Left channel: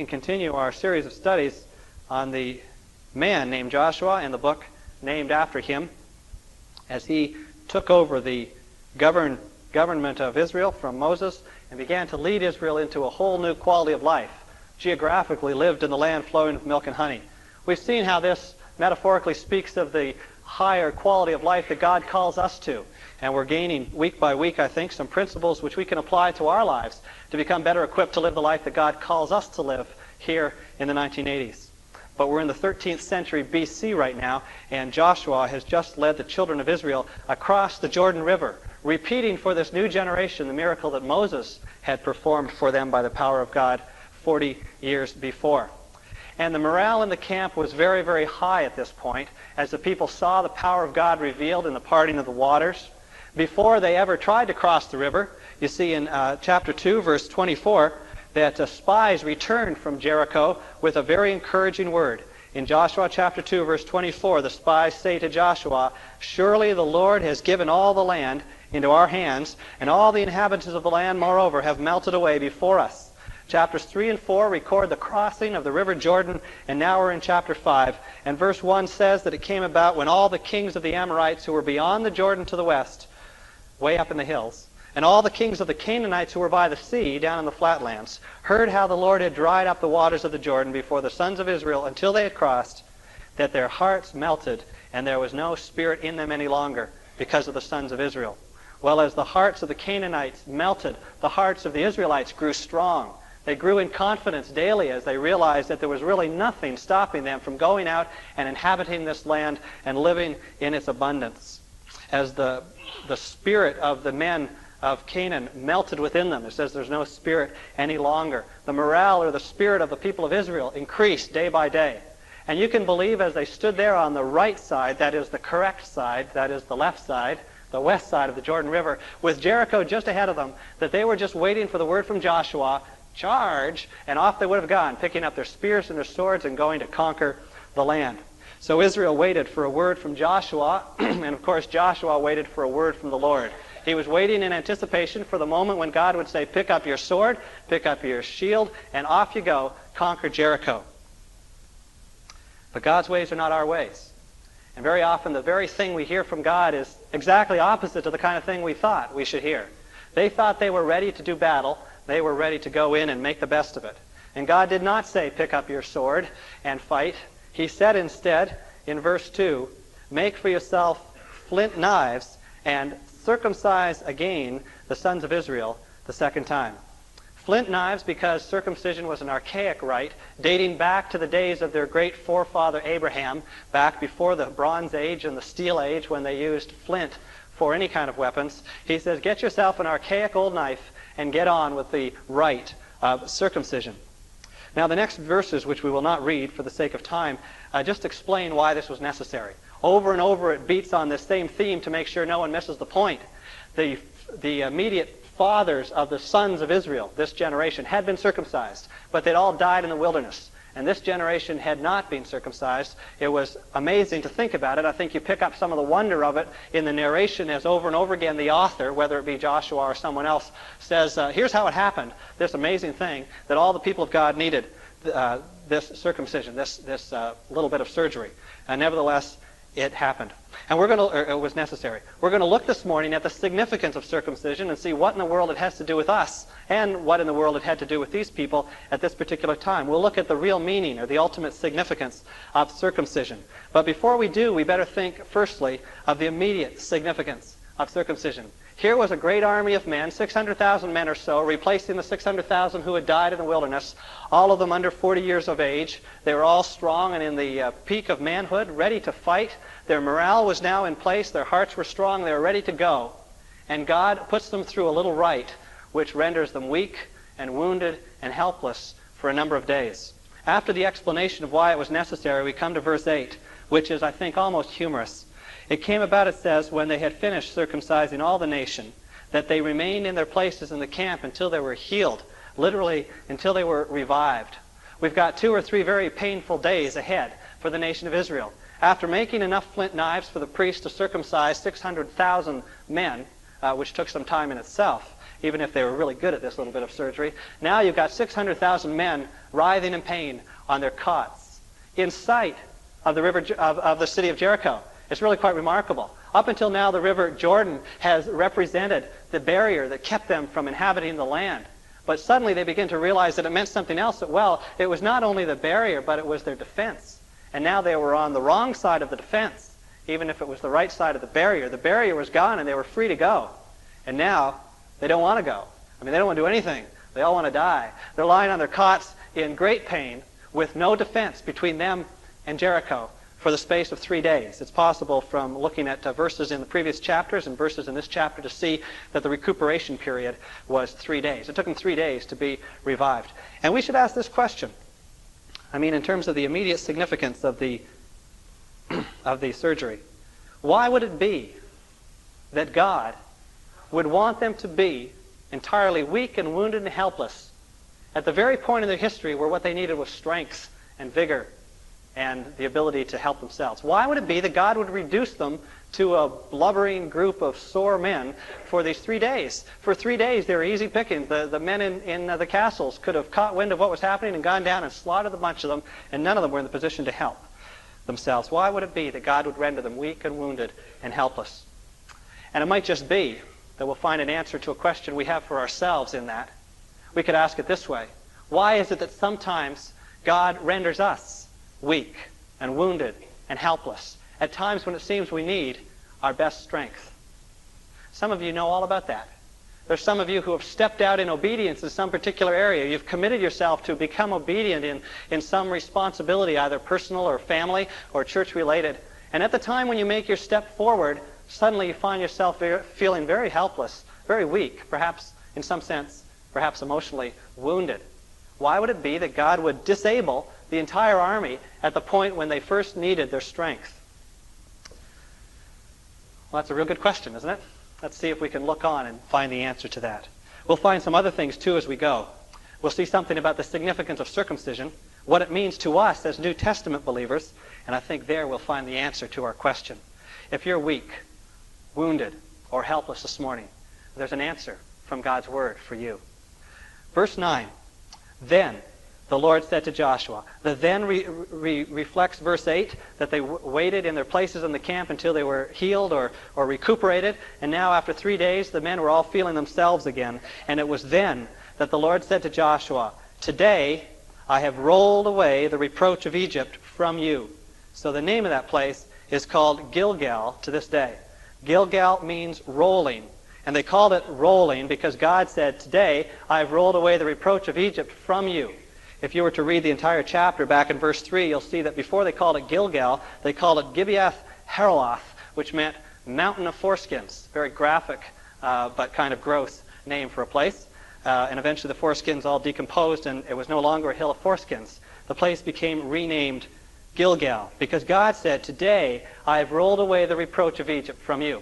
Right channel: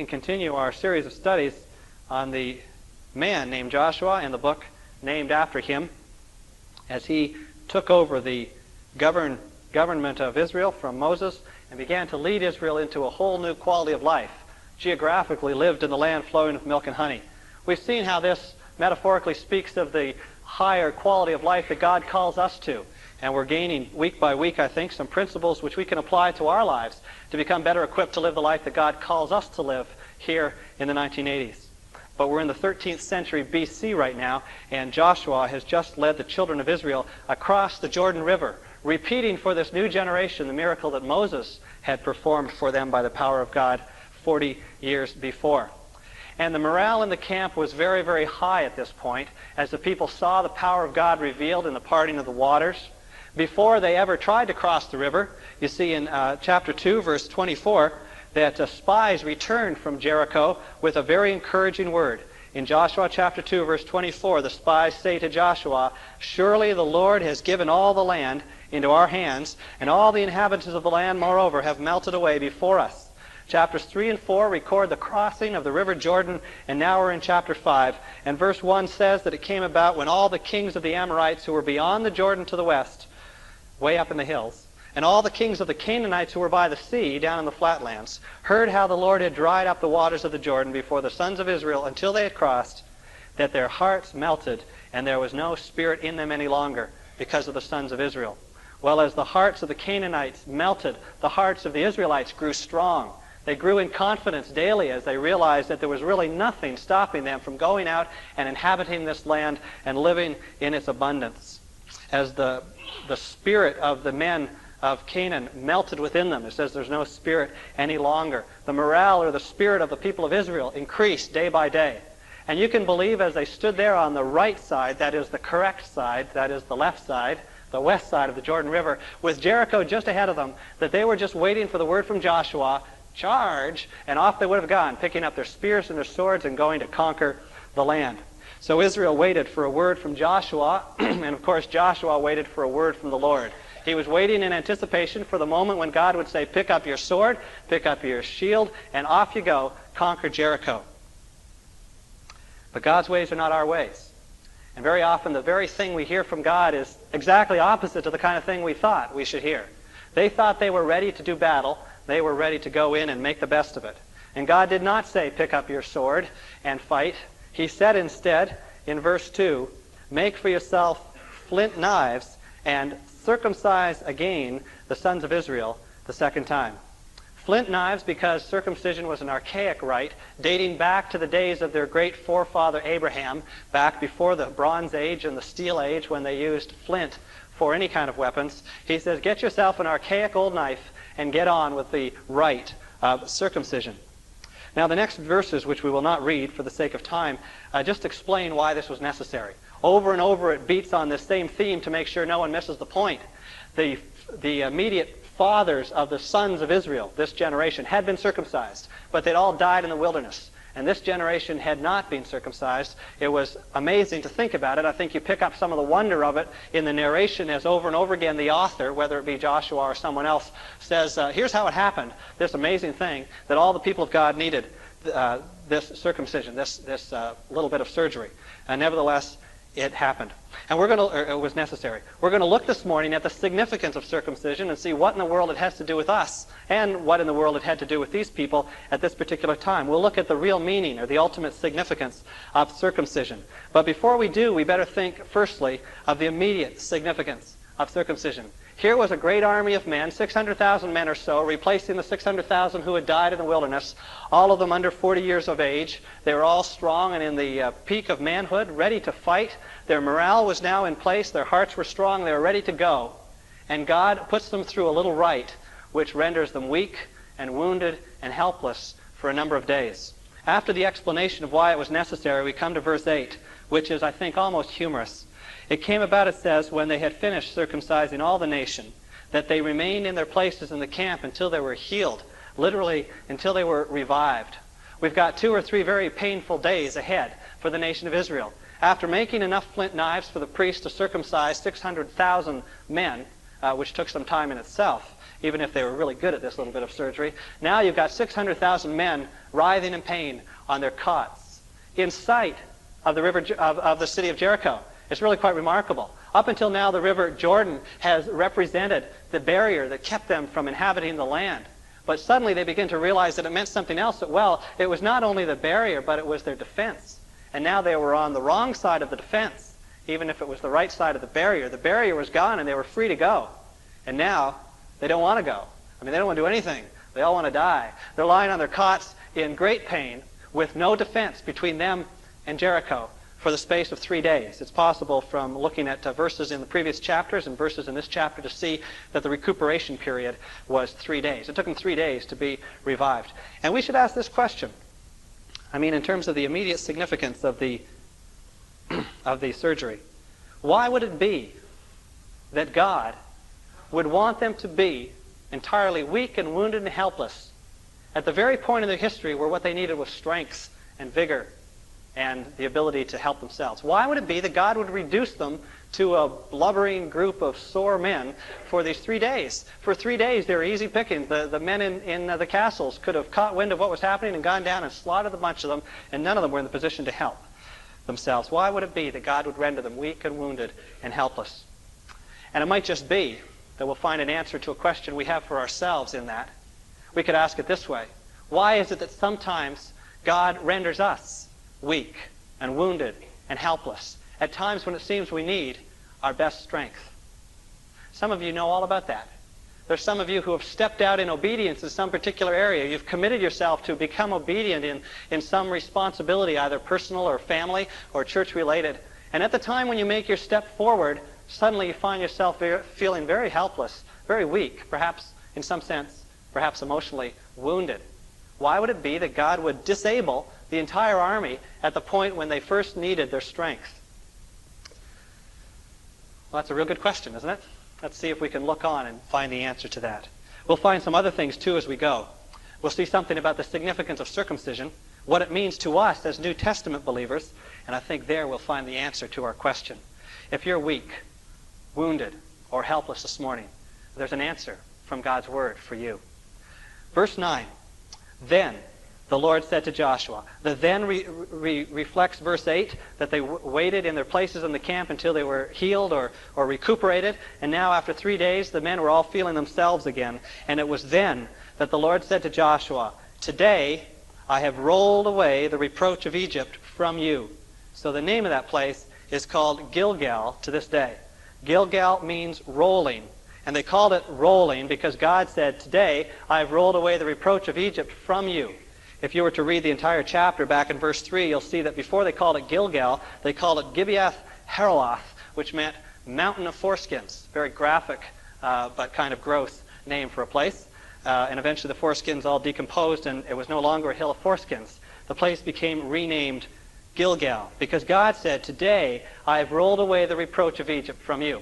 can continue our series of studies on the man named Joshua and the book named after him as he took over the government of Israel from Moses and began to lead Israel into a whole new quality of life. Geographically lived in the land flowing with milk and honey. We've seen how this metaphorically speaks of the higher quality of life that God calls us to. And we're gaining week by week, I think, some principles which we can apply to our lives to become better equipped to live the life that God calls us to live here in the 1980s. But we're in the 13th century BC right now, and Joshua has just led the children of Israel across the Jordan River, repeating for this new generation the miracle that Moses had performed for them by the power of God 40 years before. And the morale in the camp was very, very high at this point as the people saw the power of God revealed in the parting of the waters. Before they ever tried to cross the river, you see in chapter 2, verse 24, that spies returned from Jericho with a very encouraging word. In Joshua chapter 2, verse 24, the spies say to Joshua, "Surely the Lord has given all the land into our hands, and all the inhabitants of the land, moreover, have melted away before us." Chapters 3 and 4 record the crossing of the river Jordan, and now we're in chapter 5. And verse 1 says that it came about when all the kings of the Amorites who were beyond the Jordan to the west, way up in the hills, and all the kings of the Canaanites who were by the sea, down in the flatlands, heard how the Lord had dried up the waters of the Jordan before the sons of Israel until they had crossed, that their hearts melted, and there was no spirit in them any longer because of the sons of Israel. Well, as the hearts of the Canaanites melted, the hearts of the Israelites grew strong. They grew in confidence daily as they realized that there was really nothing stopping them from going out and inhabiting this land and living in its abundance. As the spirit of the men of Canaan melted within them, it says there's no spirit any longer. The morale or the spirit of the people of Israel increased day by day. And you can believe as they stood there on the right side, that is the correct side, that is the left side, the west side of the Jordan River, with Jericho just ahead of them, that they were just waiting for the word from Joshua, "Charge," and off they would have gone, picking up their spears and their swords and going to conquer the land. So Israel waited for a word from Joshua, and of course Joshua waited for a word from the Lord. He was waiting in anticipation for the moment when God would say, "Pick up your sword, pick up your shield, and off you go, conquer Jericho." But God's ways are not our ways. And very often the very thing we hear from God is exactly opposite to the kind of thing we thought we should hear. They thought they were ready to do battle. They were ready to go in and make the best of it. And God did not say, "Pick up your sword and fight." He said instead, in verse 2, "Make for yourself flint knives and circumcise again the sons of Israel the second time." Flint knives because circumcision was an archaic rite dating back to the days of their great forefather Abraham, back before the Bronze Age and the Steel Age when they used flint for any kind of weapons. He says, get yourself an archaic old knife and get on with the rite of circumcision. Now the next verses, which we will not read for the sake of time, just explain why this was necessary. Over and over it beats on this same theme to make sure no one misses the point. The immediate fathers of the sons of Israel, this generation, had been circumcised, but they'd all died in the wilderness. And this generation had not been circumcised. It was amazing to think about it. I think you pick up some of the wonder of it in the narration as over and over again the author, whether it be Joshua or someone else, says, here's how it happened, this amazing thing, that all the people of God needed this circumcision, this little bit of surgery. And nevertheless, it happened. And it was necessary. We're going to look this morning at the significance of circumcision and see what in the world it has to do with us and what in the world it had to do with these people at this particular time. We'll look at the real meaning or the ultimate significance of circumcision. But before we do, we better think firstly of the immediate significance of circumcision. Here was a great army of men, 600,000 men or so, replacing the 600,000 who had died in the wilderness, all of them under 40 years of age. They were all strong and in the peak of manhood, ready to fight. Their morale was now in place. Their hearts were strong. They were ready to go. And God puts them through a little rite, which renders them weak and wounded and helpless for a number of days. After the explanation of why it was necessary, we come to verse 8, which is, I think, almost humorous. It came about, it says, when they had finished circumcising all the nation, that they remained in their places in the camp until they were healed, literally until they were revived. We've got 2 or 3 very painful days ahead for the nation of Israel. After making enough flint knives for the priests to circumcise 600,000 men, which took some time in itself, even if they were really good at this little bit of surgery. Now you've got 600,000 men writhing in pain on their cots in sight of the river of the city of Jericho. It's really quite remarkable. Up until now, the river Jordan has represented the barrier that kept them from inhabiting the land. But suddenly they begin to realize that it meant something else, that, well, it was not only the barrier, but it was their defense. And now they were on the wrong side of the defense, even if it was the right side of the barrier. The barrier was gone and they were free to go. And now they don't want to go. I mean, they don't want to do anything. They all want to die. They're lying on their cots in great pain with no defense between them and Jericho for the space of 3 days. It's possible from looking at verses in the previous chapters and verses in this chapter to see that the recuperation period was 3 days. It took them 3 days to be revived. And we should ask this question. I mean, in terms of the immediate significance of the surgery. Why would it be that God would want them to be entirely weak and wounded and helpless at the very point in their history where what they needed was strength and vigor and the ability to help themselves? Why would it be that God would reduce them to a blubbering group of sore men for these 3 days? For 3 days, they were easy pickings. The men in the castles could have caught wind of what was happening and gone down and slaughtered a bunch of them, and none of them were in the position to help themselves. Why would it be that God would render them weak and wounded and helpless? And it might just be that we'll find an answer to a question we have for ourselves in that. We could ask it this way. Why is it that sometimes God renders us weak and wounded and helpless at times when it seems we need our best strength? Some of you know all about that. There's some of you who have stepped out in obedience in some particular area. You've committed yourself to become obedient in some responsibility, either personal or family or church-related. And at the time when you make your step forward, suddenly you find yourself feeling very helpless, very weak, perhaps in some sense, perhaps emotionally wounded. Why would it be that God would disable the entire army at the point when they first needed their strength? Well, that's a real good question, isn't it? Let's see if we can look on and find the answer to that. We'll find some other things, too, as we go. We'll see something about the significance of circumcision, what it means to us as New Testament believers, and I think there we'll find the answer to our question. If you're weak, wounded, or helpless this morning, there's an answer from God's Word for you. Verse 9, then the Lord said to Joshua. The then reflects verse 8, that they waited in their places in the camp until they were healed or recuperated. And now after 3 days, the men were all feeling themselves again. And it was then that the Lord said to Joshua, today I have rolled away the reproach of Egypt from you. So the name of that place is called Gilgal to this day. Gilgal means rolling. And they called it rolling because God said, today I have rolled away the reproach of Egypt from you. If you were to read the entire chapter back in verse 3, you'll see that before they called it Gilgal, they called it Gibeath Haraloth, which meant mountain of foreskins. Very graphic, but kind of gross name for a place. And eventually the foreskins all decomposed, and it was no longer a hill of foreskins. The place became renamed Gilgal, because God said, today I have rolled away the reproach of Egypt from you.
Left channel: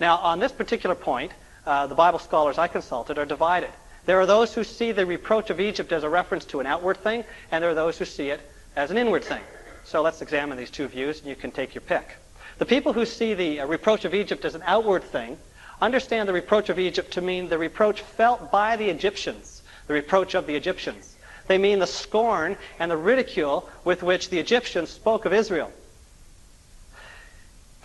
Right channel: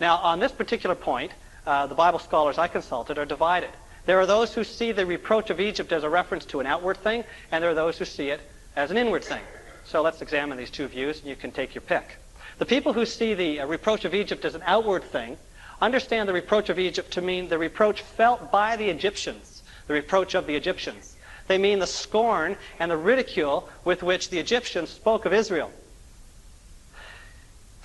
Now, on this particular point, the Bible scholars I consulted are divided. There are those who see the reproach of Egypt as a reference to an outward thing, and there are those who see it as an inward thing. So let's examine these two views, and you can take your pick. The people who see the reproach of Egypt as an outward thing understand the reproach of Egypt to mean the reproach felt by the Egyptians, the reproach of the Egyptians. They mean the scorn and the ridicule with which the Egyptians spoke of Israel.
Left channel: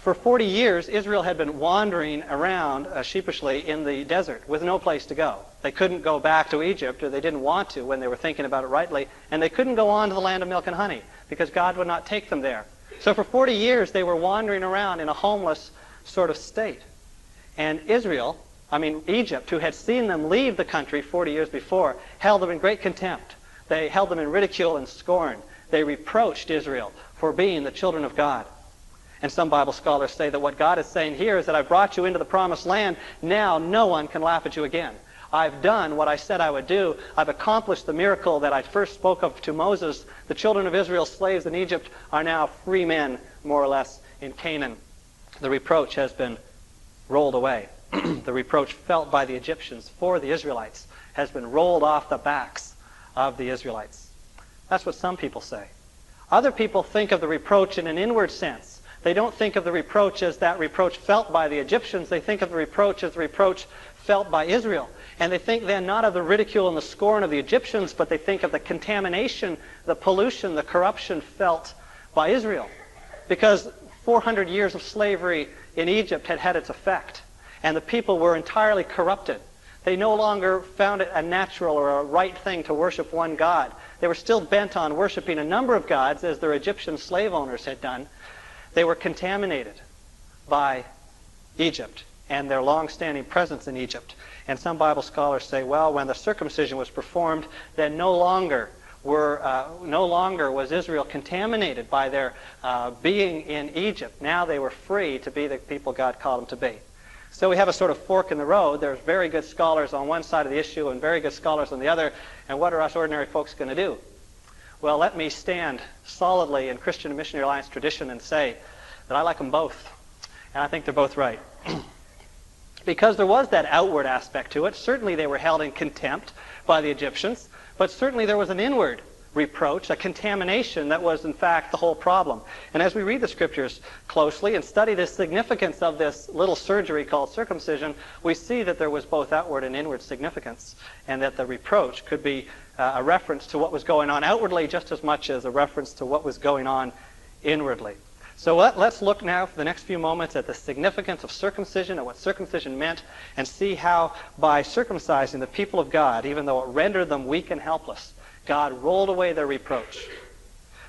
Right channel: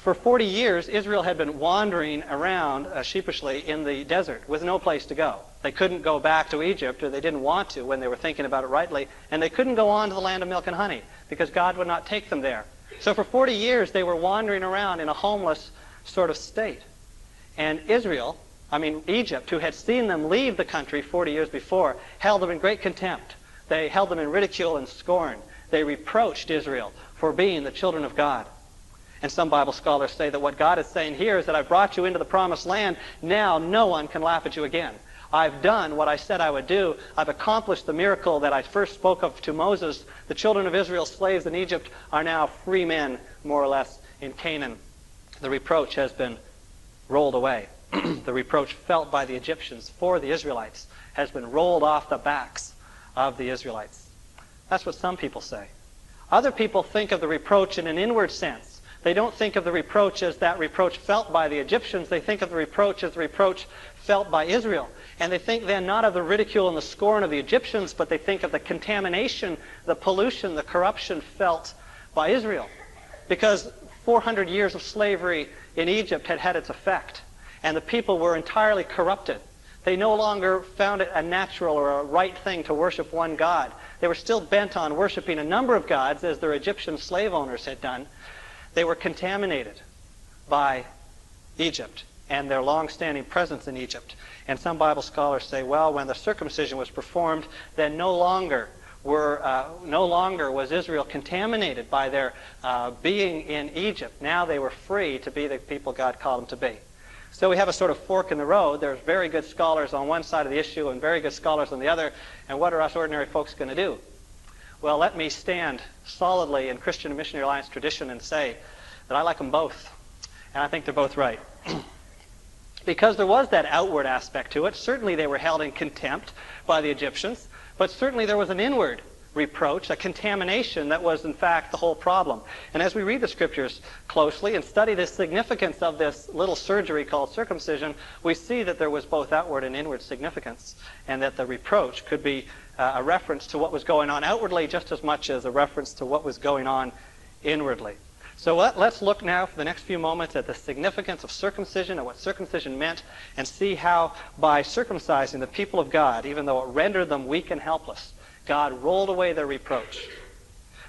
For 40 years, Israel had been wandering around sheepishly in the desert with no place to go. They couldn't go back to Egypt, or they didn't want to when they were thinking about it rightly, and they couldn't go on to the land of milk and honey because God would not take them there. So for 40 years, they were wandering around in a homeless sort of state. And Egypt, who had seen them leave the country 40 years before, held them in great contempt. They held them in ridicule and scorn. They reproached Israel for being the children of God. And some Bible scholars say that what God is saying here is that I brought you into the promised land. Now no one can laugh at you again. I've done what I said I would do. I've accomplished the miracle that I first spoke of to Moses. The children of Israel, slaves in Egypt, are now free men, more or less, in Canaan. The reproach has been rolled away. The reproach felt by the Egyptians for the Israelites has been rolled off the backs of the Israelites. That's what some people say. Other people think of the reproach in an inward sense. They don't think of the reproach as that reproach felt by the Egyptians. They think of the reproach as the reproach felt by Israel. And they think then not of the ridicule and the scorn of the Egyptians, but they think of the contamination, the pollution, the corruption felt by Israel. Because 400 years of slavery in Egypt had had its effect, and the people were entirely corrupted. They no longer found it a natural or a right thing to worship one God. They were still bent on worshiping a number of gods, as their Egyptian slave owners had done. They were contaminated by Egypt and their long-standing presence in Egypt. And some Bible scholars say, well, when the circumcision was performed, then no longer was Israel contaminated by their being in Egypt. Now they were free to be the people God called them to be. So we have a sort of fork in the road. There's very good scholars on one side of the issue and very good scholars on the other. And what are us ordinary folks going to do? Well, let me stand solidly in Christian Missionary Alliance tradition and say that I like them both. And I think they're both right. Because there was that outward aspect to it. Certainly they were held in contempt by the Egyptians, but certainly there was an inward reproach, a contamination that was in fact the whole problem. And as we read the scriptures closely and study the significance of this little surgery called circumcision, we see that there was both outward and inward significance, and that the reproach could be a reference to what was going on outwardly just as much as a reference to what was going on inwardly. So let's look now for the next few moments at the significance of circumcision and what circumcision meant, and see how by circumcising the people of God, even though it rendered them weak and helpless, God rolled away their reproach.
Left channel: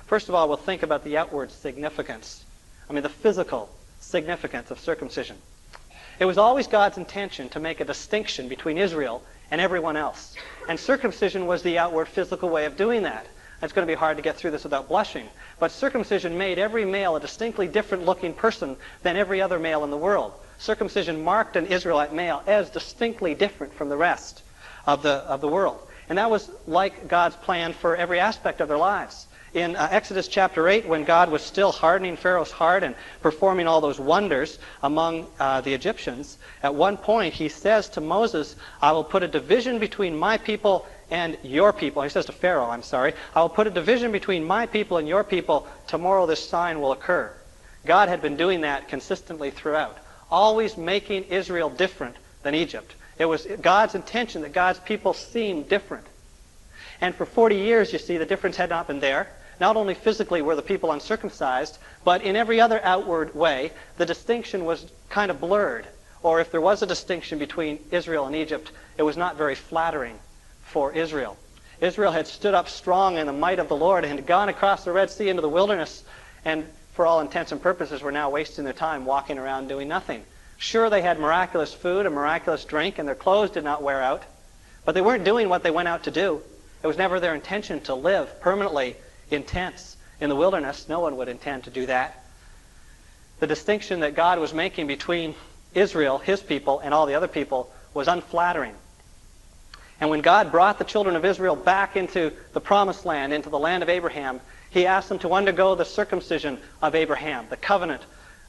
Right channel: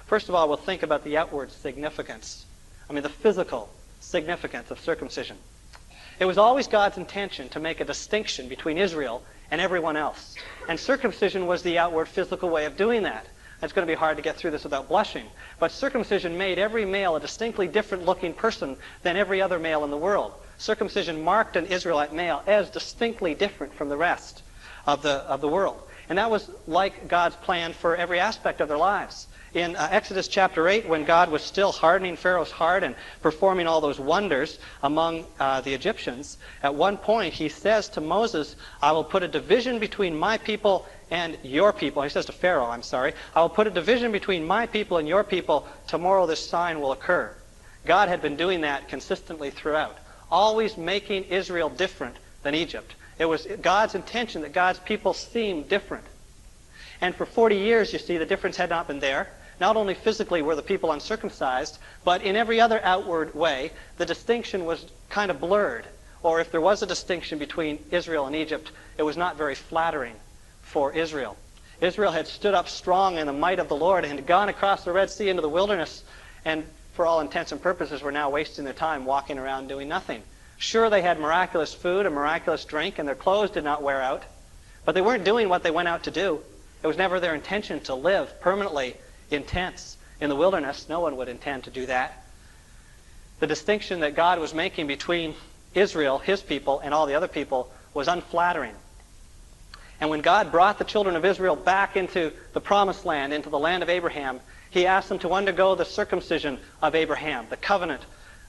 First of all, we'll think about the outward significance. The physical significance of circumcision. It was always God's intention to make a distinction between Israel and everyone else. And circumcision was the outward physical way of doing that. It's going to be hard to get through this without blushing. But circumcision made every male a distinctly different looking person than every other male in the world. Circumcision marked an Israelite male as distinctly different from the rest of the world. And that was like God's plan for every aspect of their lives. In Exodus chapter 8, when God was still hardening Pharaoh's heart and performing all those wonders among the Egyptians, at one point he says to Moses, I will put a division between my people and your people. He says to Pharaoh, I will put a division between my people and your people. Tomorrow this sign will occur. God had been doing that consistently throughout, always making Israel different than Egypt. It was God's intention that God's people seemed different. And for 40 years, you see, the difference had not been there. Not only physically were the people uncircumcised, but in every other outward way, the distinction was kind of blurred. Or if there was a distinction between Israel and Egypt, it was not very flattering for Israel. Israel had stood up strong in the might of the Lord and had gone across the Red Sea into the wilderness, and for all intents and purposes were now wasting their time walking around doing nothing. Sure, they had miraculous food and miraculous drink, and their clothes did not wear out, but they weren't doing what they went out to do. It was never their intention to live permanently in tents in the wilderness. No one would intend to do that. The distinction that God was making between Israel, his people, and all the other people was unflattering. And when God brought the children of Israel back into the promised land, into the land of Abraham, he asked them to undergo the circumcision of Abraham, the covenant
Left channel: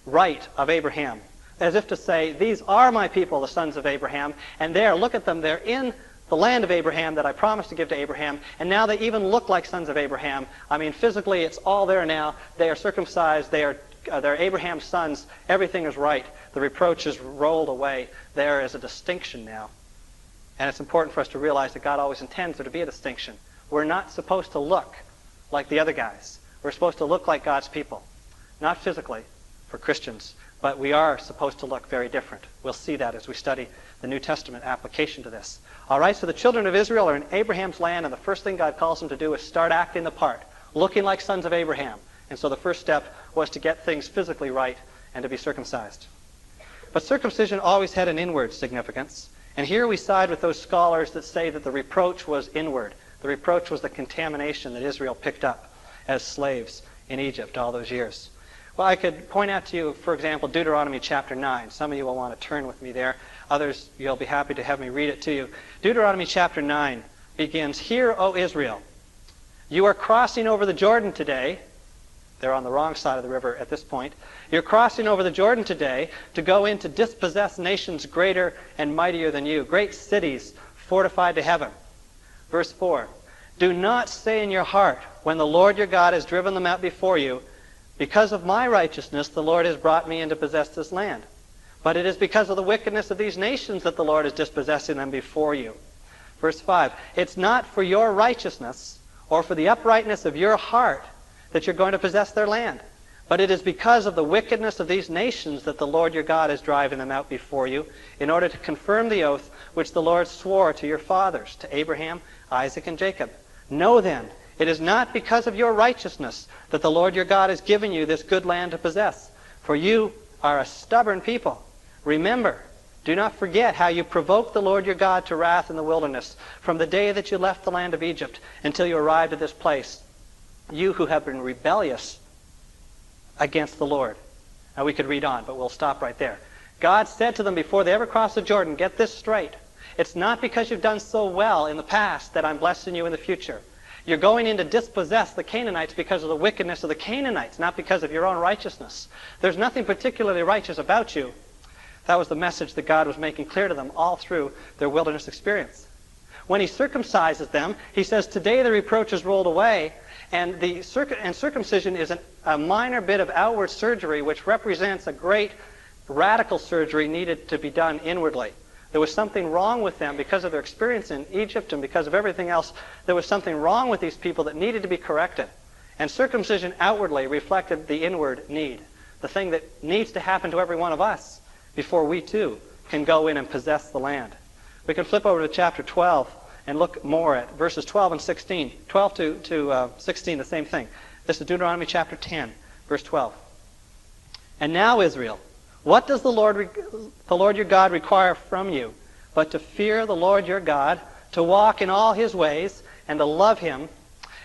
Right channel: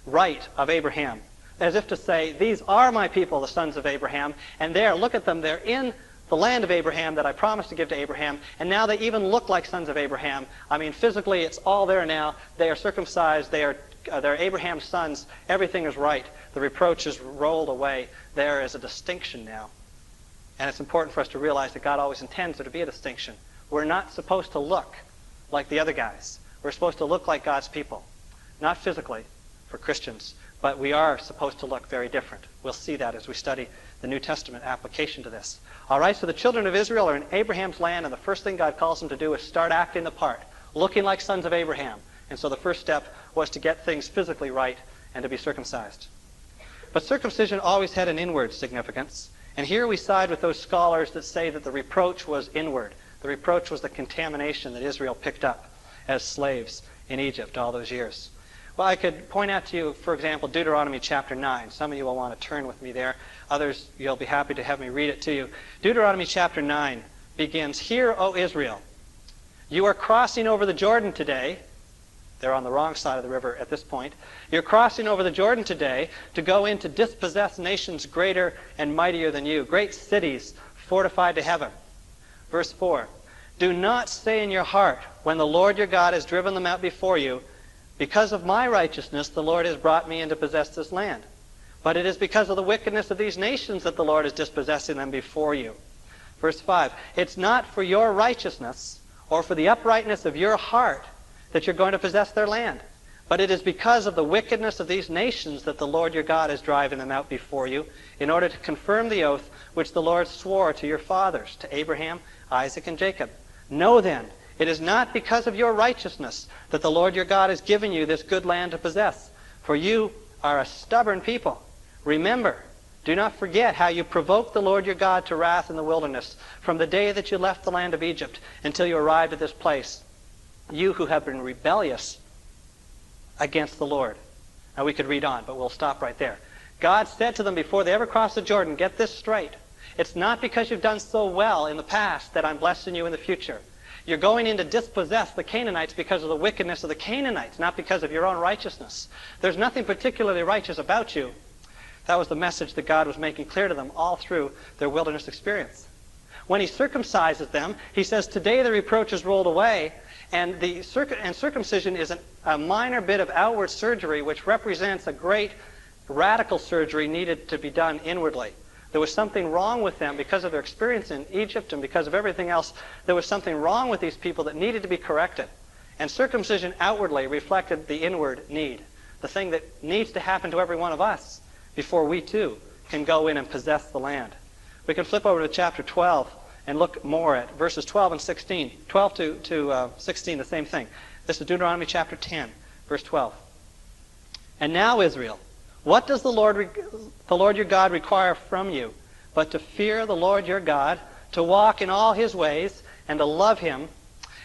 rite of Abraham, as if to say, these are my people, the sons of Abraham, and there, look at them, they're in the land of Abraham that I promised to give to Abraham, and now they even look like sons of Abraham. Physically, it's all there now. They are circumcised. They're Abraham's sons. Everything is right. The reproach is rolled away. There is a distinction now. And it's important for us to realize that God always intends there to be a distinction. We're not supposed to look like the other guys. We're supposed to look like God's people. Not physically, for Christians, but we are supposed to look very different. We'll see that as we study the New Testament application to this. All right, so the children of Israel are in Abraham's land, and the first thing God calls them to do is start acting the part, looking like sons of Abraham. And so the first step was to get things physically right and to be circumcised. But circumcision always had an inward significance. And here we side with those scholars that say that the reproach was inward. The reproach was the contamination that Israel picked up as slaves in Egypt all those years. Well, I could point out to you, for example, Deuteronomy chapter 9. Some of you will want to turn with me there. Others, you'll be happy to have me read it to you. Deuteronomy chapter 9 begins, Hear, O Israel, you are crossing over the Jordan today. They're on the wrong side of the river at this point. You're crossing over the Jordan today to go in to dispossess nations greater and mightier than you, great cities fortified to heaven. Verse 4, Do not say in your heart, when the Lord your God has driven them out before you, because of my righteousness the Lord has brought me in to possess this land. But it is because of the wickedness of these nations that the Lord is dispossessing them before you. Verse 5, it's not for your righteousness or for the uprightness of your heart that you're going to possess their land. But it is because of the wickedness of these nations that the Lord your God is driving them out before you, in order to confirm the oath which the Lord swore to your fathers, to Abraham, Isaac, and Jacob. Know then, it is not because of your righteousness that the Lord your God has given you this good land to possess, for you are a stubborn people. Remember, do not forget how you provoked the Lord your God to wrath in the wilderness, from the day that you left the land of Egypt until you arrived at this place, you who have been rebellious against the Lord. Now we could read on, but we'll stop right there. God said to them before they ever crossed the Jordan, get this straight. It's not because you've done so well in the past that I'm blessing you in the future. You're going in to dispossess the Canaanites because of the wickedness of the Canaanites, not because of your own righteousness. There's nothing particularly righteous about you. That was the message that God was making clear to them all through their wilderness experience. When he circumcises them, he says, today the reproach is rolled away, and circumcision is a minor bit of outward surgery which represents a great radical surgery needed to be done inwardly. There was something wrong with them because of their experience in Egypt and because of everything else. There was something wrong with these people that needed to be corrected. And circumcision outwardly reflected the inward need, the thing that needs to happen to every one of us before we too can go in and possess the land. We can flip over to chapter 12 and look more at verses 12 and 16. 12 to 16, the same thing. This is Deuteronomy chapter 10, verse 12. And now, Israel, what does the Lord your God require from you but to fear the Lord your God, to walk in all his ways, and to love him,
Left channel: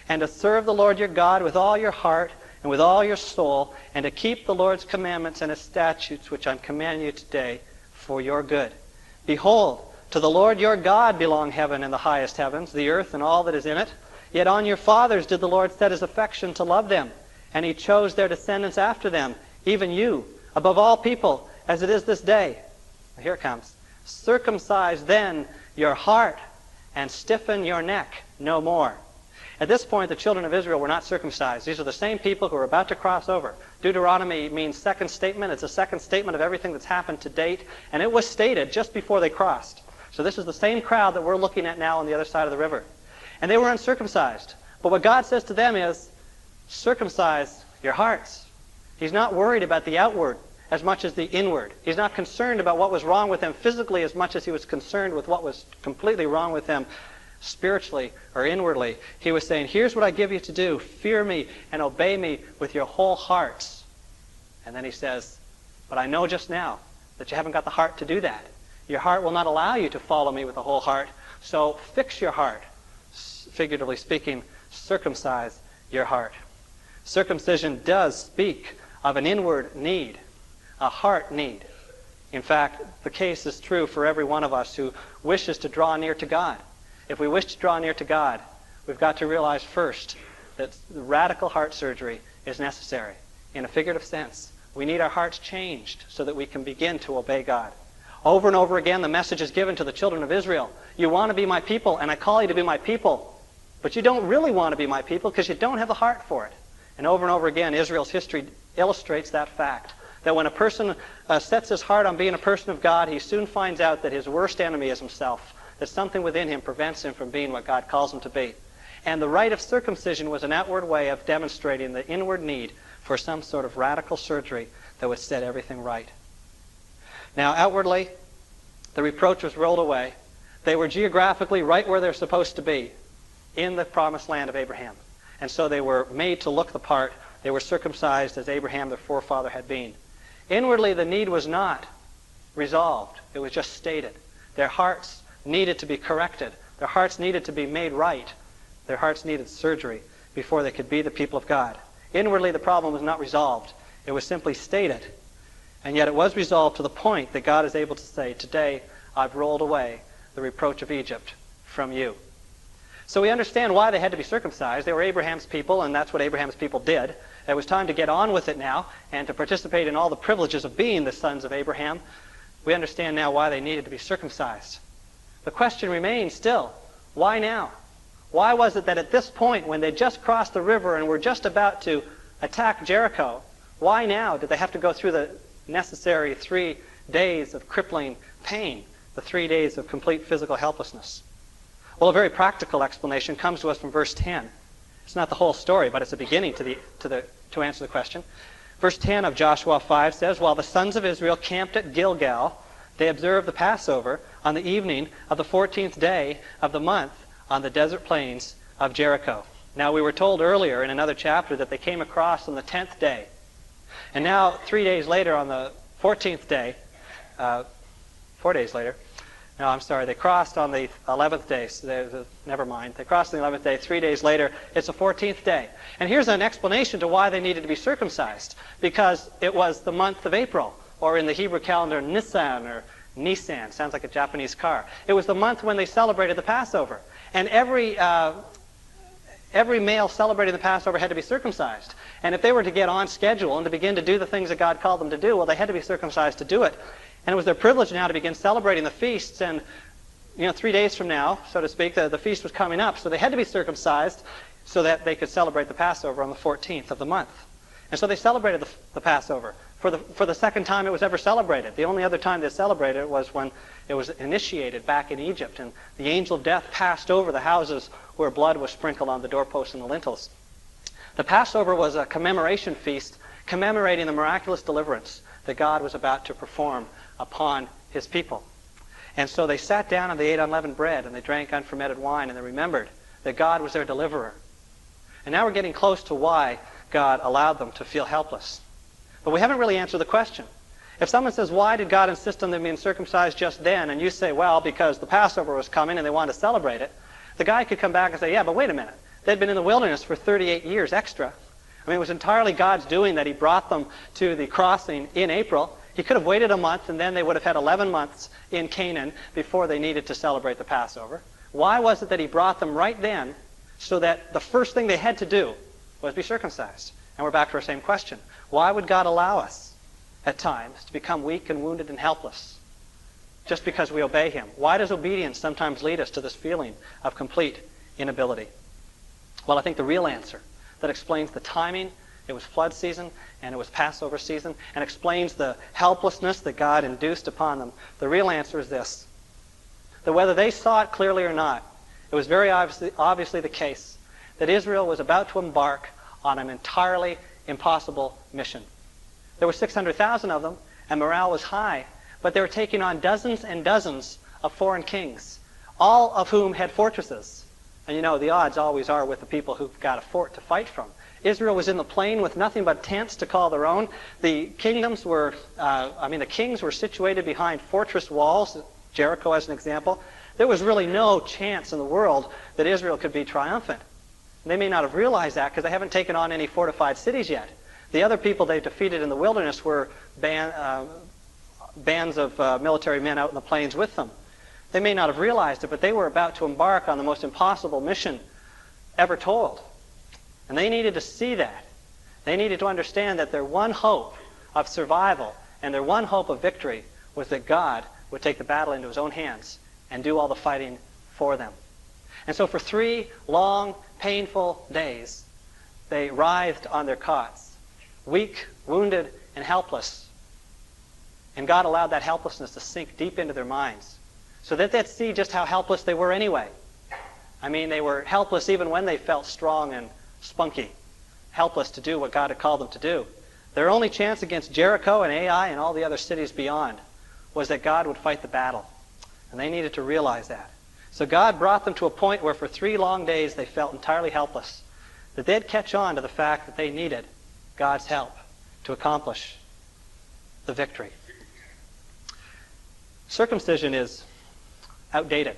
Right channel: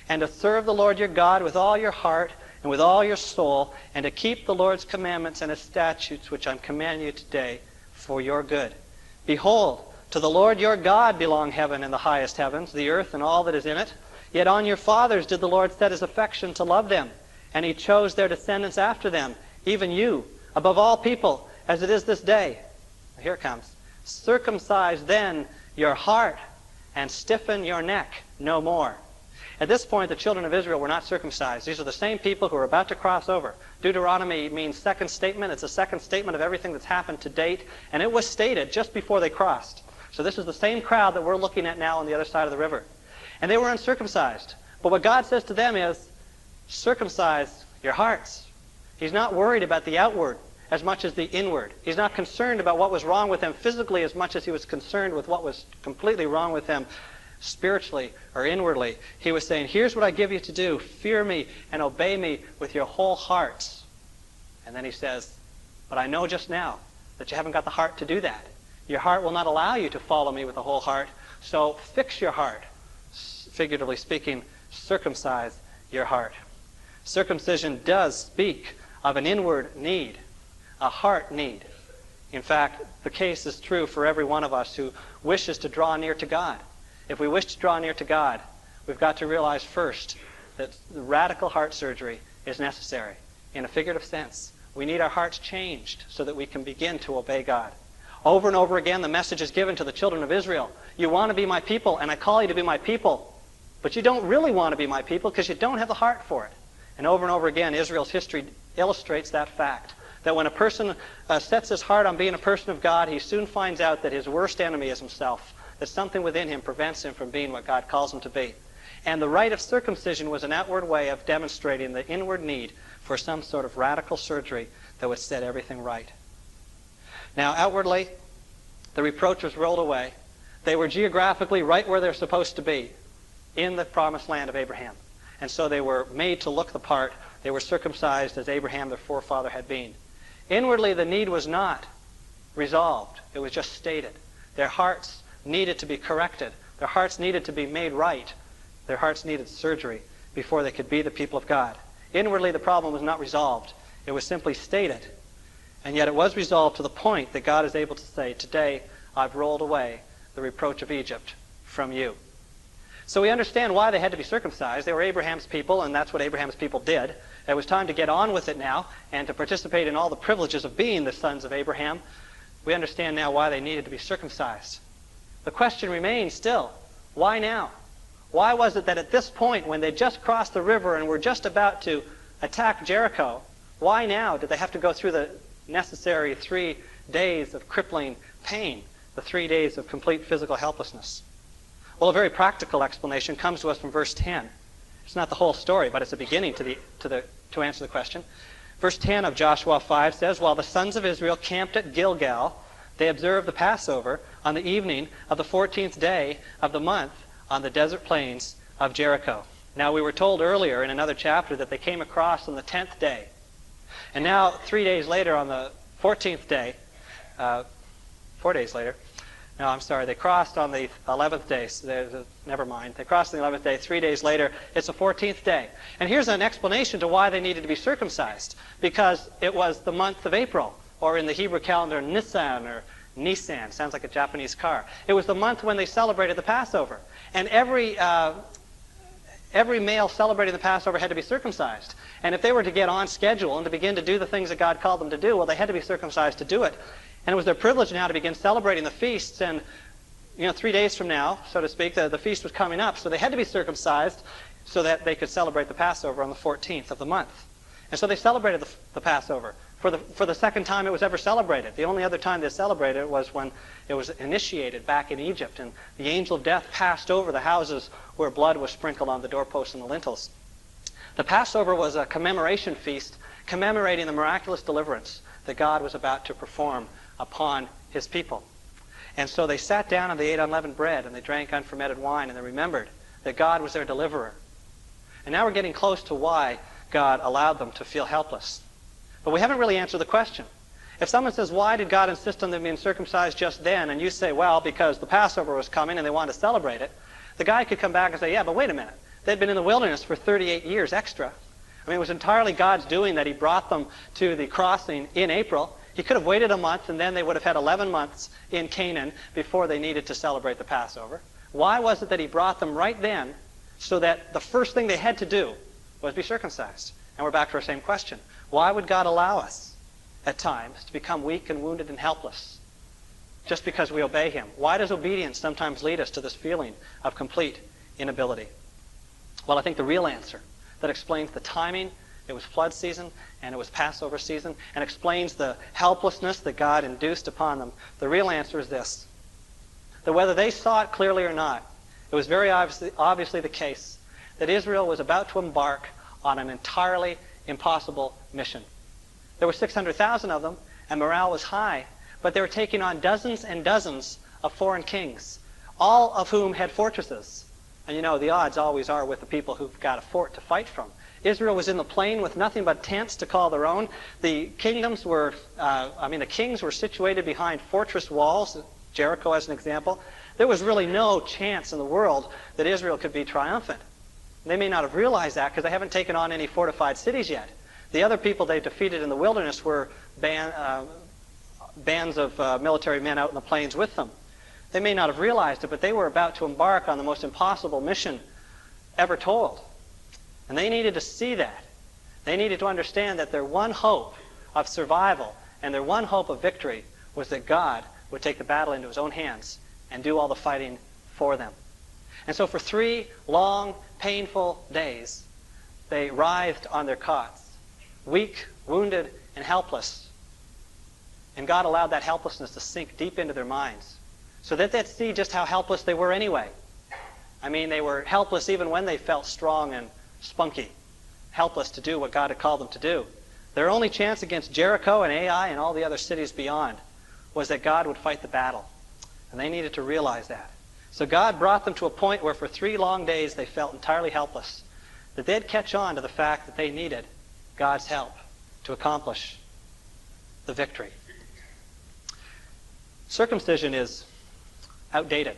and to serve the Lord your God with all your heart and with all your soul, and to keep the Lord's commandments and his statutes which I command you today for your good? Behold, to the Lord your God belong heaven and the highest heavens, the earth and all that is in it. Yet on your fathers did the Lord set his affection to love them, and he chose their descendants after them, even you, above all people, as it is this day. Here it comes. Circumcise then your heart, and stiffen your neck no more. At this point, the children of Israel were not circumcised. These are the same people who are about to cross over. Deuteronomy means second statement. It's a second statement of everything that's happened to date, and it was stated just before they crossed. So this is the same crowd that we're looking at now on the other side of the river. And they were uncircumcised. But what God says to them is, circumcise your hearts. He's not worried about the outward as much as the inward. He's not concerned about what was wrong with them physically as much as he was concerned with what was completely wrong with them spiritually or inwardly. He was saying, here's what I give you to do. Fear me and obey me with your whole hearts. And then he says, but I know just now that you haven't got the heart to do that. Your heart will not allow you to follow me with the whole heart. So fix your heart. Figuratively speaking, circumcise your heart. Circumcision does speak of an inward need, a heart need. In fact, the case is true for every one of us who wishes to draw near to God. If we wish to draw near to God, we've got to realize first that radical heart surgery is necessary in a figurative sense. We need our hearts changed so that we can begin to obey God. Over and over again, the message is given to the children of Israel. You want to be my people, and I call you to be my people. But you don't really want to be my people because you don't have the heart for it. And over again, Israel's history illustrates that fact. That when a person sets his heart on being a person of God, he soon finds out that his worst enemy is himself. That something within him prevents him from being what God calls him to be. And the rite of circumcision was an outward way of demonstrating the inward need for some sort of radical surgery that would set everything right. Now, outwardly, the reproach was rolled away. They were geographically right where they're supposed to be, in the promised land of Abraham. And so they were made to look the part. They were circumcised as Abraham, their forefather, had been. Inwardly, the need was not resolved. It was just stated. Their hearts needed to be corrected. Their hearts needed to be made right. Their hearts needed surgery before they could be the people of God. Inwardly, the problem was not resolved. It was simply stated. And yet it was resolved to the point that God is able to say, today I've rolled away the reproach of Egypt from you. So we understand why they had to be circumcised. They were Abraham's people, and that's what Abraham's people did. It was time to get on with it now and to participate in all the privileges of being the sons of Abraham. We understand now why they needed to be circumcised. The question remains still, why now? Why was it that at this point, when they just crossed the river and were just about to attack Jericho, why now did they have to go through the necessary 3 days of crippling pain, the 3 days of complete physical helplessness? Well, a very practical explanation comes to us from verse 10. It's not the whole story, but it's a beginning to answer the question. Verse 10 of Joshua 5 says, "While the sons of Israel camped at Gilgal, they observed the Passover on the evening of the 14th day of the month on the desert plains of Jericho." Now, we were told earlier in another chapter that they came across on the 10th day. And now, 3 days later, on the 14th day, 4 days later, no, I'm sorry, they crossed on the 11th day. So never mind. They crossed on the 11th day. 3 days later, it's the 14th day. And here's an explanation to why they needed to be circumcised. Because it was the month of April, or in the Hebrew calendar, Nisan, or Nisan. Sounds like a Japanese car. It was the month when they celebrated the Passover. And every male celebrating the Passover had to be circumcised. And if they were to get on schedule and to begin to do the things that God called them to do, well, they had to be circumcised to do it. And it was their privilege now to begin celebrating the feasts. And, 3 days from now, so to speak, the feast was coming up. So they had to be circumcised so that they could celebrate the Passover on the 14th of the month. And so they celebrated the Passover for the second time it was ever celebrated. The only other time they celebrated it was when it was initiated back in Egypt. And the angel of death passed over the houses where blood was sprinkled on the doorposts and the lintels. The Passover was a commemoration feast commemorating the miraculous deliverance that God was about to perform upon his people. And so they sat down and they ate unleavened bread and they drank unfermented wine and they remembered that God was their deliverer. And now we're getting close to why God allowed them to feel helpless. But we haven't really answered the question. If someone says, why did God insist on them being circumcised just then? And you say, well, because the Passover was coming and they wanted to celebrate it. The guy could come back and say, yeah, but wait a minute. They'd been in the wilderness for 38 years extra. I mean, it was entirely God's doing that he brought them to the crossing in April. He could have waited a month, and then they would have had 11 months in Canaan before they needed to celebrate the Passover. Why was it that he brought them right then so that the first thing they had to do was be circumcised? And we're back to our same question. Why would God allow us at times to become weak and wounded and helpless just because we obey him? Why does obedience sometimes lead us to this feeling of complete inability? Well, I think the real answer that explains the timing, it was flood season, and it was Passover season, and explains the helplessness that God induced upon them. The real answer is this, that whether they saw it clearly or not, it was very obviously the case that Israel was about to embark on an entirely impossible mission. There were 600,000 of them, and morale was high, but they were taking on dozens and dozens of foreign kings, all of whom had fortresses. And the odds always are with the people who've got a fort to fight from. Israel was in the plain with nothing but tents to call their own. The kings were situated behind fortress walls, Jericho as an example. There was really no chance in the world that Israel could be triumphant. They may not have realized that because they haven't taken on any fortified cities yet. The other people they defeated in the wilderness were bands of military men out in the plains with them. They may not have realized it, but they were about to embark on the most impossible mission ever told. And they needed to see that. They needed to understand that their one hope of survival and their one hope of victory was that God would take the battle into his own hands and do all the fighting for them. And so for 3 long, painful days, they writhed on their cots, weak, wounded, and helpless. And God allowed that helplessness to sink deep into their minds so that they'd see just how helpless they were anyway. I mean, they were helpless even when they felt strong and spunky, helpless to do what God had called them to do. Their only chance against Jericho and Ai and all the other cities beyond was that God would fight the battle. And they needed to realize that. So God brought them to a point where for 3 long days they felt entirely helpless, that they'd catch on to the fact that they needed God's help to accomplish the victory. Circumcision is outdated.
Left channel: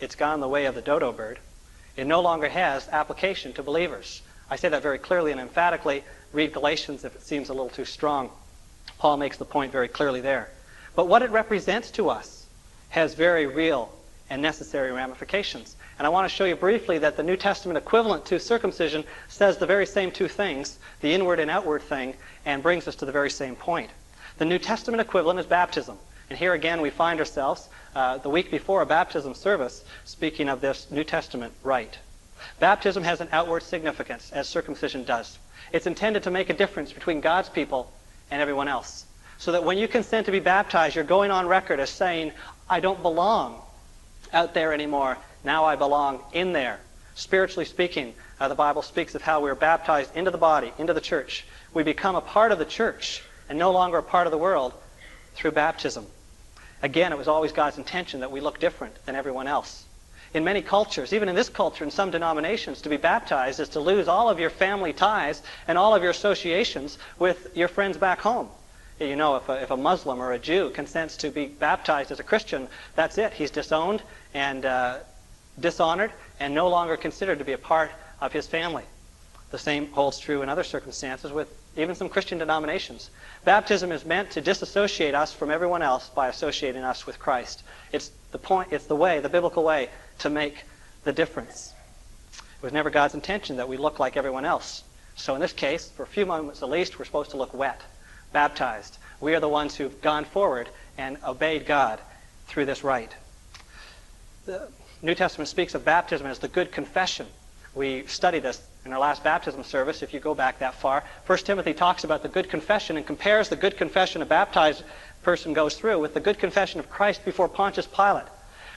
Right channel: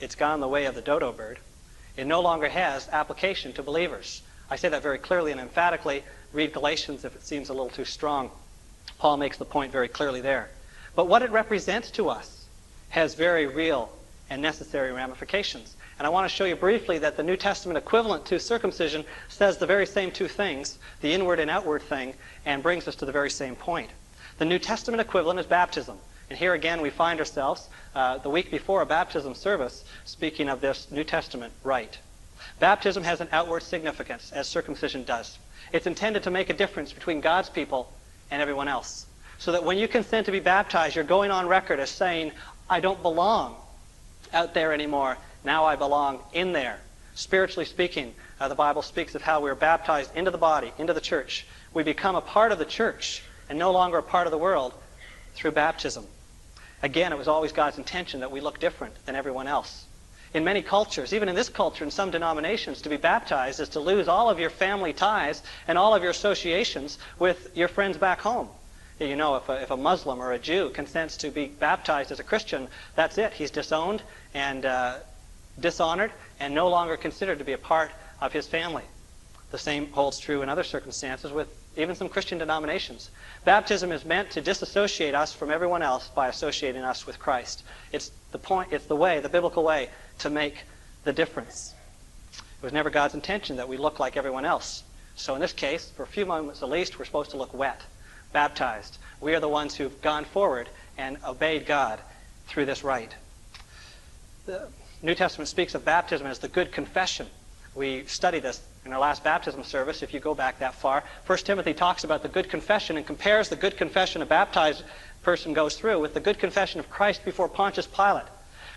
It's gone the way of the dodo bird. It no longer has application to believers. I say that very clearly and emphatically. Read Galatians if it seems a little too strong. Paul makes the point very clearly there. But what it represents to us has very real and necessary ramifications. And I want to show you briefly that the New Testament equivalent to circumcision says the very same 2 things, the inward and outward thing, and brings us to the very same point. The New Testament equivalent is baptism. And here again we find ourselves the week before a baptism service speaking of this New Testament rite. Baptism has an outward significance, as circumcision does. It's intended to make a difference between God's people and everyone else. So that when you consent to be baptized, you're going on record as saying, I don't belong out there anymore. Now I belong in there. Spiritually speaking, the Bible speaks of how we are baptized into the body, into the church. We become a part of the church and no longer a part of the world through baptism. Again, it was always God's intention that we look different than everyone else. In many cultures, even in this culture, in some denominations, to be baptized is to lose all of your family ties and all of your associations with your friends back home. You know, if a Muslim or a Jew consents to be baptized as a Christian, that's it. He's disowned and dishonored and no longer considered to be a part of his family. The same holds true in other circumstances with even some Christian denominations. Baptism is meant to disassociate us from everyone else by associating us with Christ. It's the way, the biblical way, to make the difference. It was never God's intention that we look like everyone else. So in this case, for a few moments at least, we're supposed to look wet, baptized. We are the ones who've gone forward and obeyed God through this rite. The New Testament speaks of baptism as the good confession. We studied this in our last baptism service, if you go back that far. 1 Timothy talks about the good confession and compares the good confession a baptized person goes through with the good confession of Christ before Pontius Pilate.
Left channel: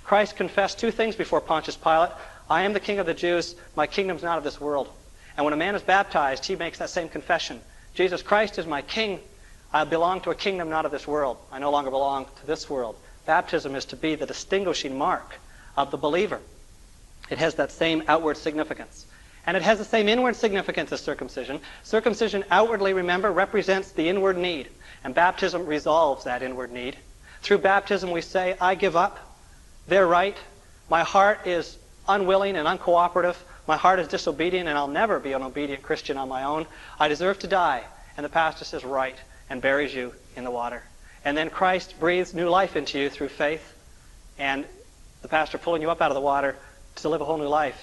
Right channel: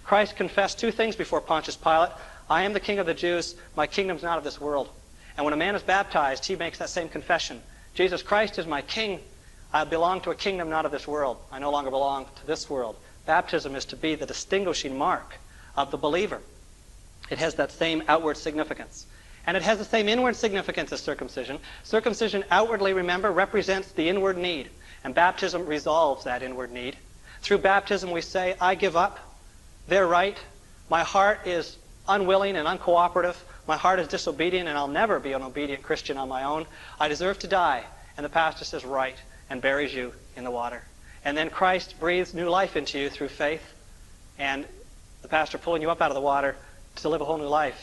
Christ confessed two things before Pontius Pilate. I am the King of the Jews. My kingdom's not of this world. And when a man is baptized, he makes that same confession. Jesus Christ is my King. I belong to a kingdom not of this world. I no longer belong to this world. Baptism is to be the distinguishing mark of the believer. It has that same outward significance. And it has the same inward significance as circumcision. Circumcision outwardly, remember, represents the inward need. And baptism resolves that inward need. Through baptism we say, I give up. They're right. My heart is unwilling and uncooperative. My heart is disobedient, and I'll never be an obedient Christian on my own. I deserve to die. And the pastor says, right, and buries you in the water. And then Christ breathes new life into you through faith. And the pastor pulling you up out of the water to live a whole new life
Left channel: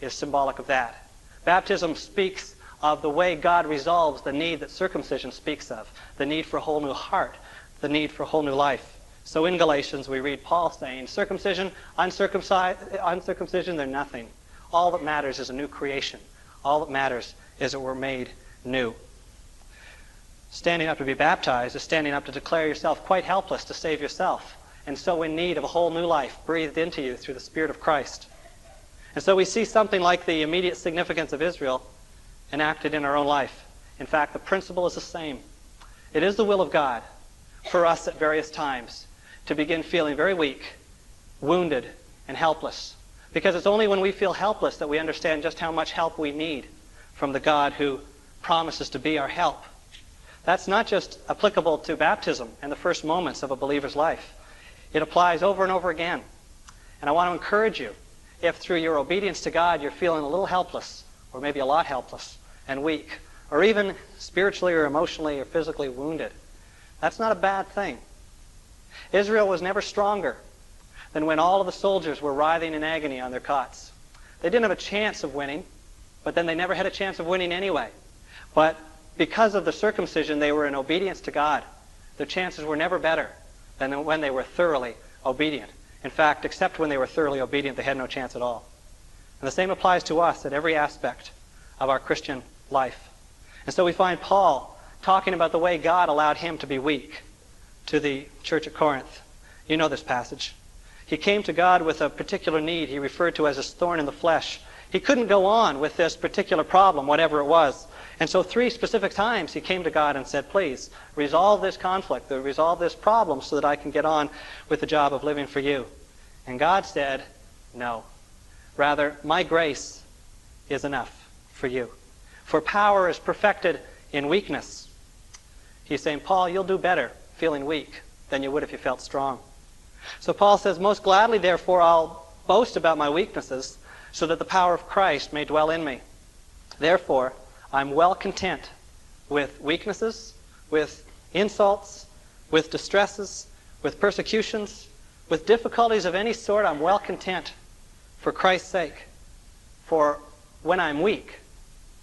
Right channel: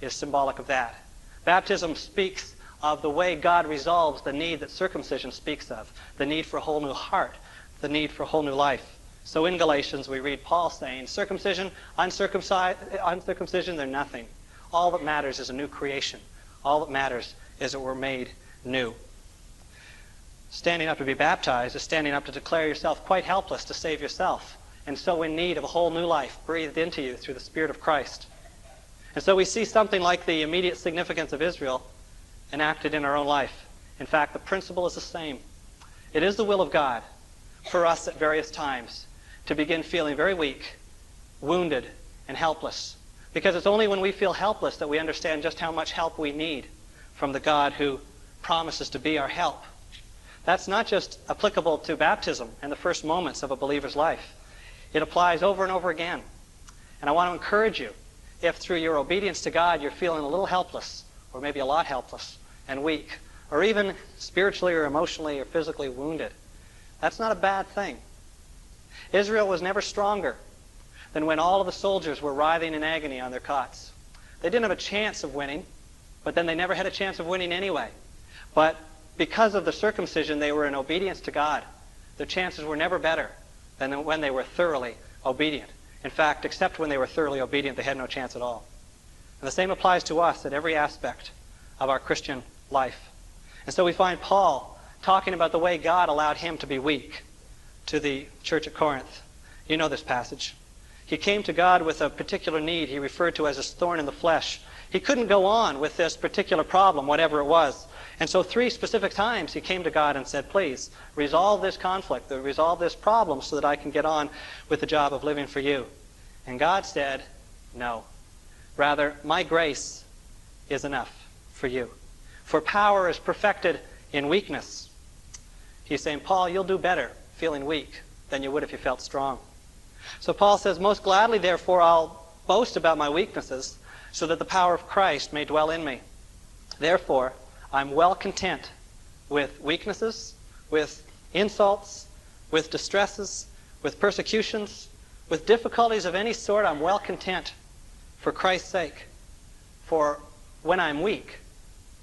is symbolic of that. Baptism speaks of the way God resolves the need that circumcision speaks of, the need for a whole new heart, the need for a whole new life. So in Galatians we read Paul saying, circumcision, uncircumcision, they're nothing. All that matters is a new creation. All that matters is that we're made new. Standing up to be baptized is standing up to declare yourself quite helpless to save yourself, and so in need of a whole new life breathed into you through the Spirit of Christ. And so we see something like the immediate significance of Israel enacted in our own life. In fact, the principle is the same. It is the will of God for us at various times to begin feeling very weak, wounded, and helpless. Because it's only when we feel helpless that we understand just how much help we need from the God who promises to be our help. That's not just applicable to baptism and the first moments of a believer's life. It applies over and over again. And I want to encourage you, if through your obedience to God you're feeling a little helpless, or maybe a lot helpless and weak, or even spiritually or emotionally or physically wounded, that's not a bad thing. Israel was never stronger than when all of the soldiers were writhing in agony on their cots. They didn't have a chance of winning, but then they never had a chance of winning anyway. But because of the circumcision, they were in obedience to God. Their chances were never better than when they were thoroughly obedient. In fact, except when they were thoroughly obedient, they had no chance at all. And the same applies to us at every aspect of our Christian life. And so we find Paul talking about the way God allowed him to be weak to the church at Corinth. You know this passage. He came to God with a particular need he referred to as his thorn in the flesh. He couldn't go on with this particular problem, whatever it was. And so 3 specific times he came to God and said, please, resolve this conflict, resolve this problem so that I can get on with the job of living for you. And God said, no. Rather, my grace is enough for you. For power is perfected in weakness. He's saying, Paul, you'll do better feeling weak than you would if you felt strong. So Paul says, most gladly, therefore, I'll boast about my weaknesses so that the power of Christ may dwell in me. Therefore, I'm well content with weaknesses, with insults, with distresses, with persecutions, with difficulties of any sort. I'm well content for Christ's sake. For when I'm weak,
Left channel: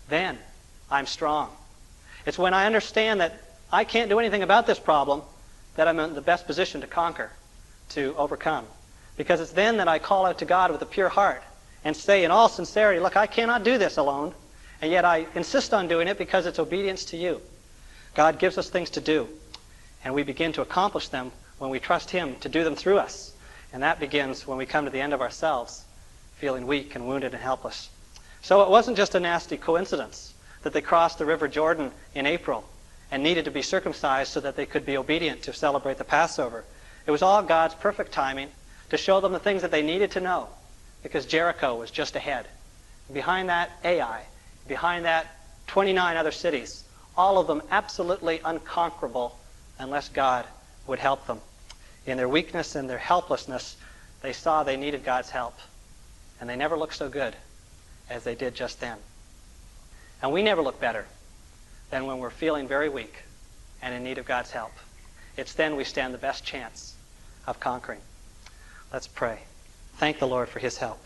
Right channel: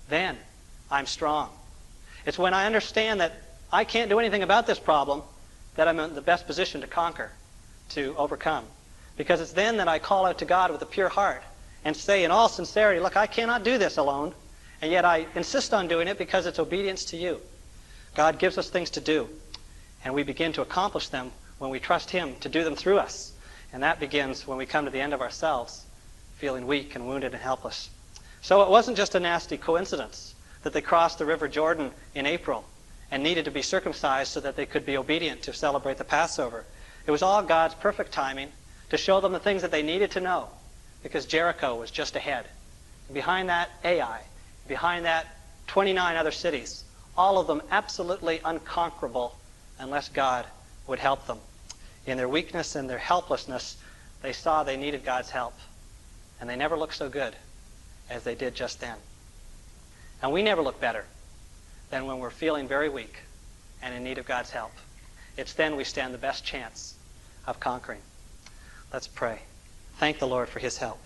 then I'm strong. It's when I understand that I can't do anything about this problem that I'm in the best position to conquer, to overcome. Because it's then that I call out to God with a pure heart and say in all sincerity, look, I cannot do this alone. And yet I insist on doing it because it's obedience to you. God gives us things to do. And we begin to accomplish them when we trust him to do them through us. And that begins when we come to the end of ourselves, feeling weak and wounded and helpless. So it wasn't just a nasty coincidence that they crossed the River Jordan in April and needed to be circumcised so that they could be obedient to celebrate the Passover. It was all God's perfect timing to show them the things that they needed to know, because Jericho was just ahead. And behind that, Ai. Behind that, 29 other cities, all of them absolutely unconquerable unless God would help them. In their weakness and their helplessness, they saw they needed God's help. And they never looked so good as they did just then. And we never look better than when we're feeling very weak and in need of God's help. It's then we stand the best chance of conquering. Let's pray. Thank the Lord for his help.